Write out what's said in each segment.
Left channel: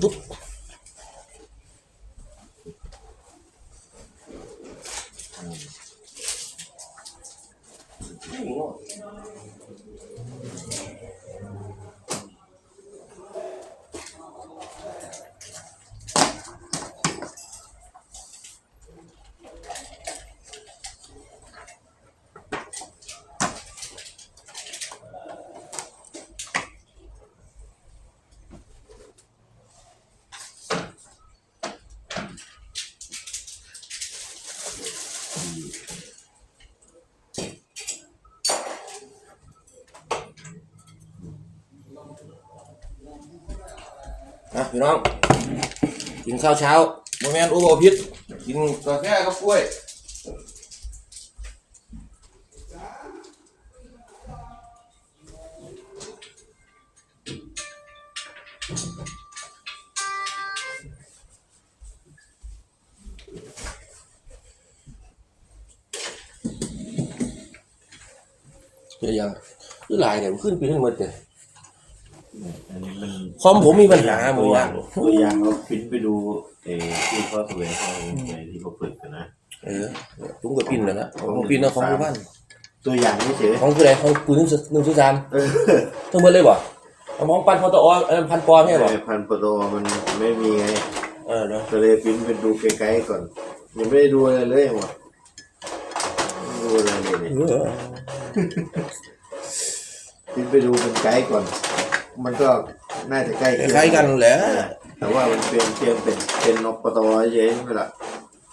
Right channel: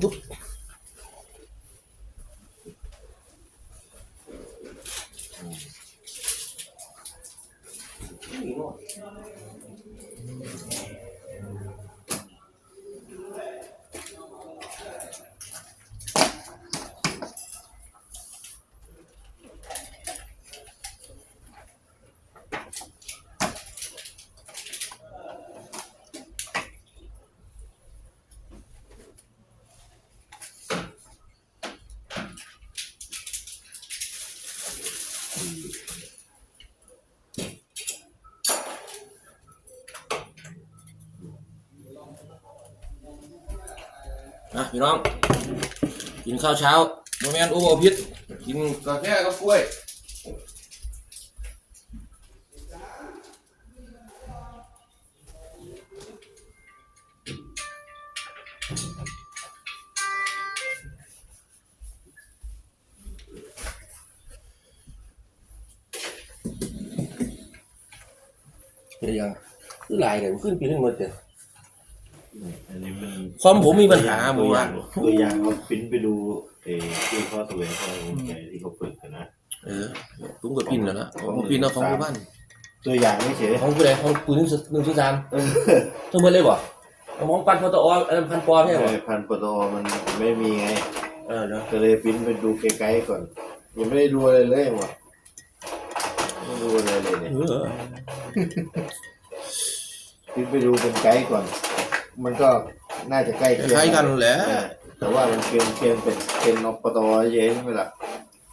ปุ๊บ อะพี่น้อง กินข้าวเช้าโมแมนโอเวอพิษกินกาแฟกับกล้วยเดี๋ยวยังหลายเดี๋ยวขึ้นปทั้งหมดเดี๋ยว อันนี้มันคอมผมมีปัญหาหมตัวดอว่าย่างตัวอย่างเขาปริ้นไปดูเออที่เขาแสวงเขาในที่เขาฝึกกันนะเออลุงกับปินแล้วนะของผมปินเอาของผู้บ้านตัวอย่างไม่เฉยของผู้ใดของปืนหนึ่งหนึ่งถึงสามเออทั้งหมดเลยบ่เอาของปันพอตอเออพันปอใช่บ่พันปโตมันไม่มีไงเออเดี๋ยวก็เลยปริ้นไปดูไกลๆก่อนยังไม่ได้ดูอะไรเลยหมดไม่ดูอะไรเลยเนี่ยเออปริ้นไปดูเป็นไกด์ก่อน มันก็น่าจะใกล้เคียงคล้ายกันแหละเออแต่ว่ามันเป็นเพียงเป็นเป็นนกปโตเย้ใช่ไหมล่ะ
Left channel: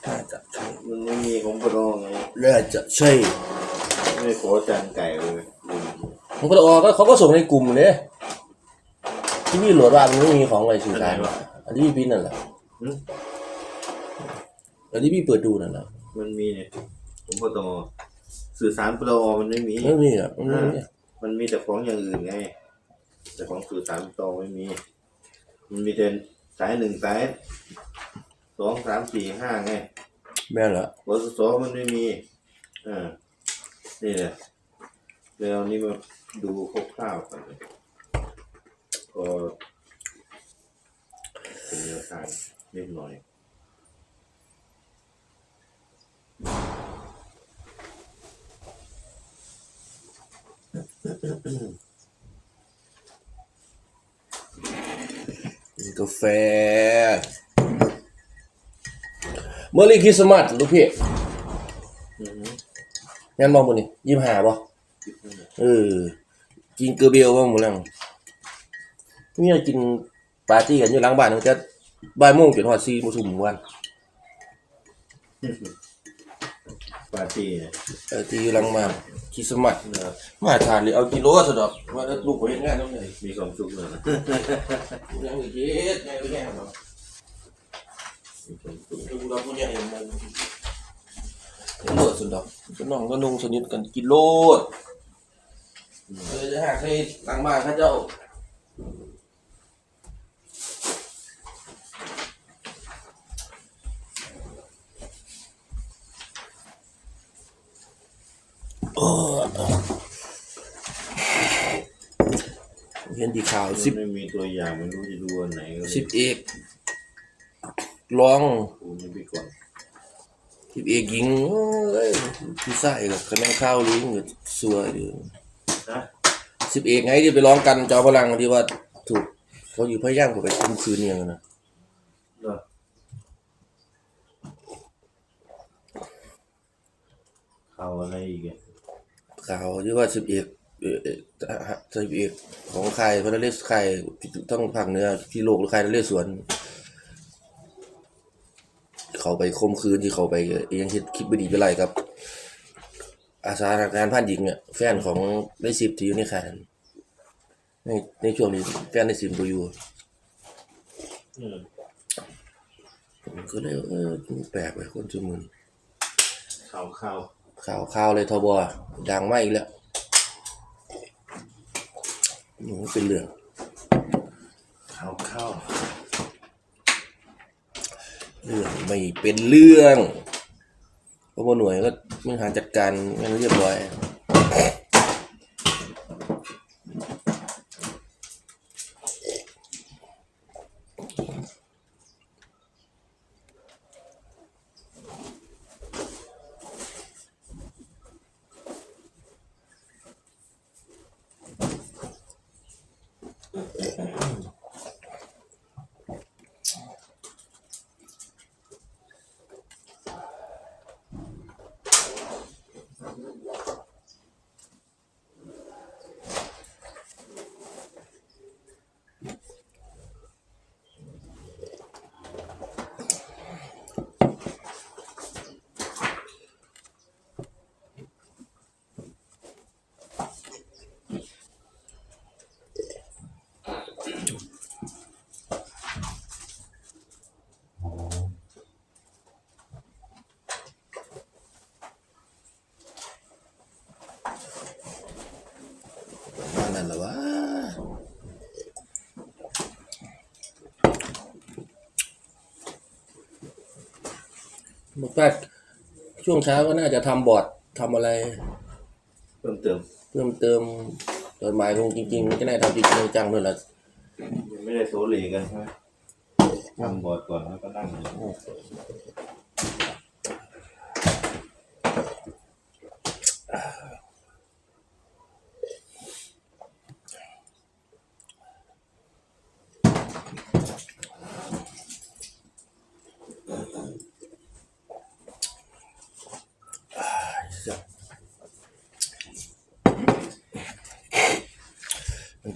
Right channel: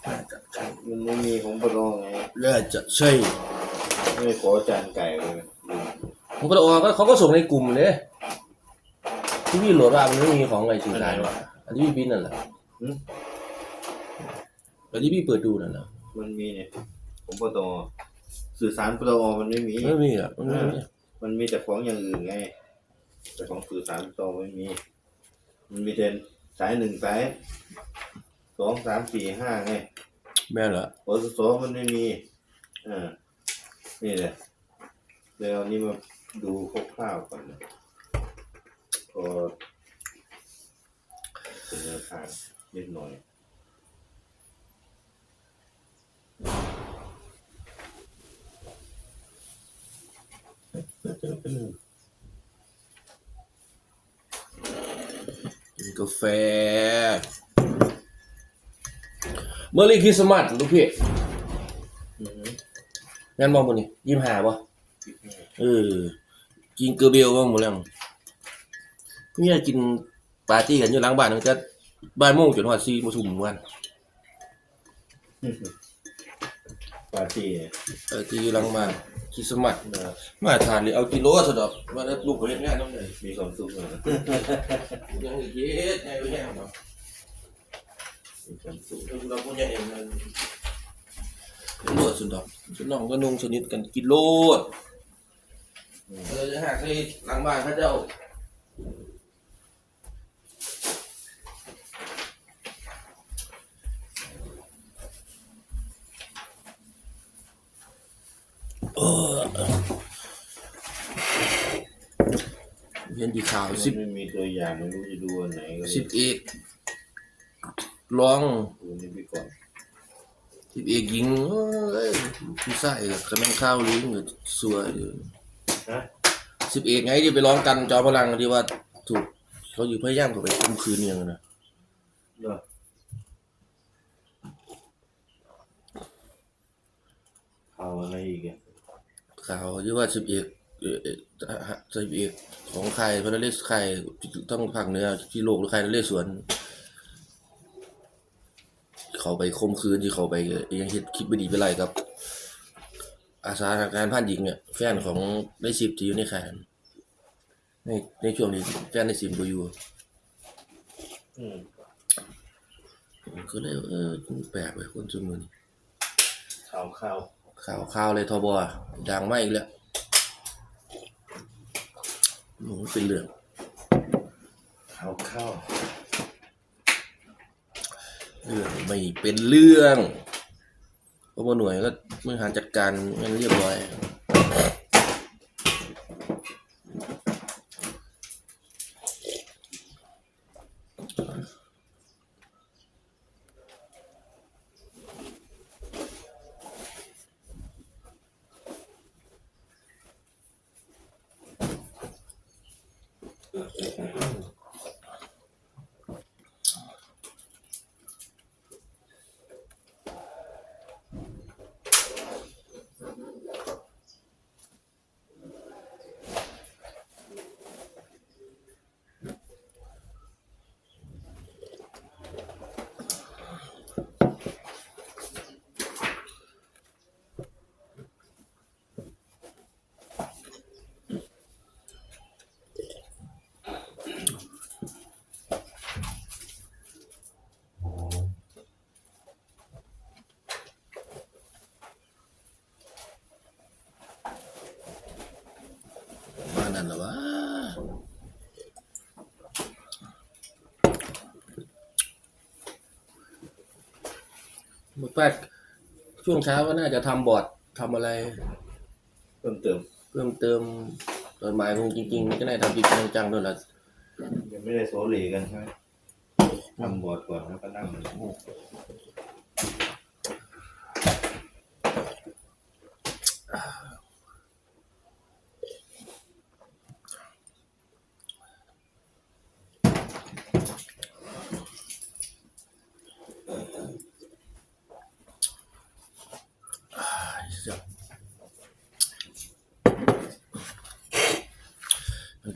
น่าจะใช่มันไม่มีของปโตไงน่าจะใช่ไม่ขอจานไก่เลยอืมของพอตอก็เขาก็ส่งในกลุ่มเลยที่พี่โหลดว่ามันไม่มีของอะไรสื่อสารว่ะอันที่พี่ปินนั่นแหละอืมอันที่พี่เปิดดูนั่นแหละมันมีเนี่ยของปตสื่อสารปตมันไม่มีไม่มีอะมันไม่มีมันมีแต่ของอย่างอื่นไง แต่ของสื่อสารปตไม่มี มันมีแต่สายหนึ่งสายสองสามสี่ห้าไงแม่นเหรอวสสมันไม่มีอ่านี่แหละแล้วนี่มาดูคร่าวๆก่อนเลยก็เป็นเนื้อทางนิดหน่อยกิน กาแฟ เมื่อรีคริสต์มาสลูกพี่อือฮึงั้นมองมือนี่ยิ้มหาบ่คิดว่าเออ กินเกลือเบลบ้างหมดแล้วนี่เรากินปาร์ตี้กันอยู่หล้างบ้านตั้งแต่บ่ายโมงจนหัวซีมาสุ่มกัน ปาร์ตี้เนี่ยปาร์ตี้อยู่หล้างบ้านคริสต์มาสนะครับมาทานหรือเอากิโลสะดอกว่าแล้วลูกไปเฮ็ดงานนั่นไงมีความสุขเลยนะยังอีกเฮ็ดไงก็แย่เนาะมีความสุขเออเราผู้ใหญ่เองนะโลดสุดดอกสน้องก็นุ่งสนิทกันกินโลดเออจะหากให้หลังบ้านเขาเจ้า เห็นดีข่าวสิบมันไม่มีตัวอย่างไม่รู้จะดูอันไหนก็เลยสิบเอกลองดูนี่ไปก่อนสิบเอกยิงเอ้ยผู้ชายกับกำลังข้าวลิงกับสวยดีฮะสิบเอกไงที่ไปร้องกันจอพลังที่ว่าถูกเขาอยู่พะย่างถูกไปคุมคืนเนี่ยนะเนอะข่าวอะไรอีกอะข่าวที่ว่าสิบเอก เออเอ่อสิบเอกของใครพระนเรศใครต้องภาคเนื้อพี่โลกหรือใครนเรศสวน เขาไปคมคืนที่เขาไปเองเห็นคลิปบดีไปไรครับ อาสาทางการผ่านหญิงเนี่ยแฟนของได้สิบที่อยู่ในค่ายนั้นในในช่วงนี้แฟนได้สิบตัวอยู่อืมผมก็เลยเออแปลกไปคนจุมือนี่ข่าวข่าวข่าวข่าวเลยทบดังมากอีกแล้ว โอ้โหเป็นเรื่องข่าวข้าวเรื่องไม่เป็นเรื่องเพราะว่าหน่วยก็บริหารจัดการไม่เรียบร้อย บอกว่าช่วงเช้าก็น่าจะทำบอร์ดทำอะไร เพิ่มเติม เพิ่มเติมตอนหมายคงจริงๆมันก็น่าทำจริงๆจังๆด้วยละยังไม่ได้โซลีกันใช่ไหมทำบอร์ดก่อนแล้วก็นั่ง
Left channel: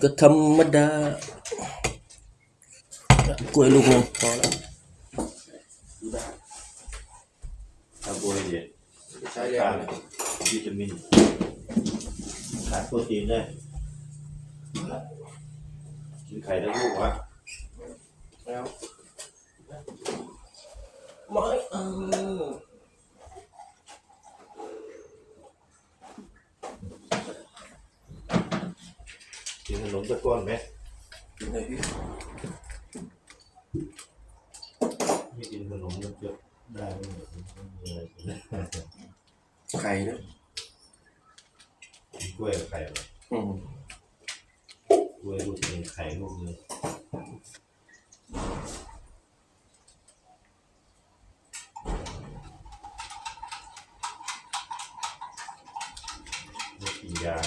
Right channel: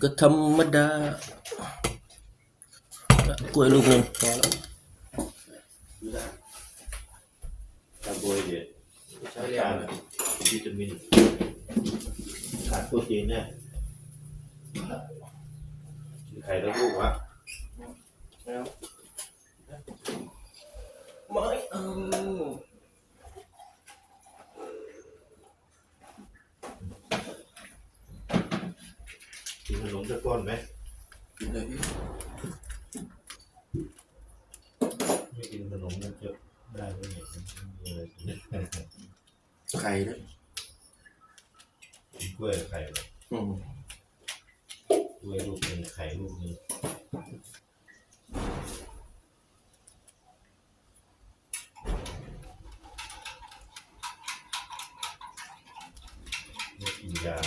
ก็ธรรมดากล้วยลูกหนึงพอแล้วคาร์โบไฮเดรตการวิตามินขาดโปรตีนได้กินไข่แล้วลูกวะแล้วไม่เอา นขนมตะก้อนไหมไม่กินขนมมันจะได้ไหมเนี่ยมันไม่มีอะไรกินไข่นะกินกล้วยกับไข่เหรออืมกล้วยลูกหนึ่งไข่ลูกหนึ่งไม่กินยา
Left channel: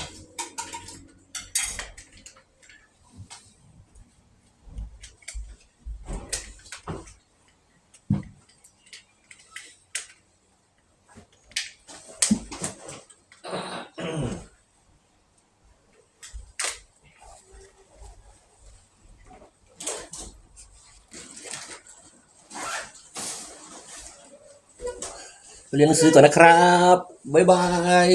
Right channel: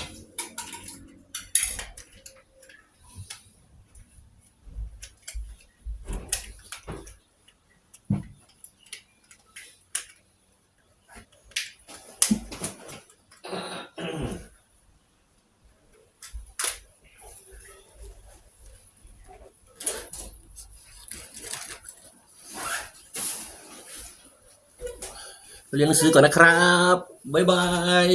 เรียนหนังสือก่อนนะครับ บ๊ายบาย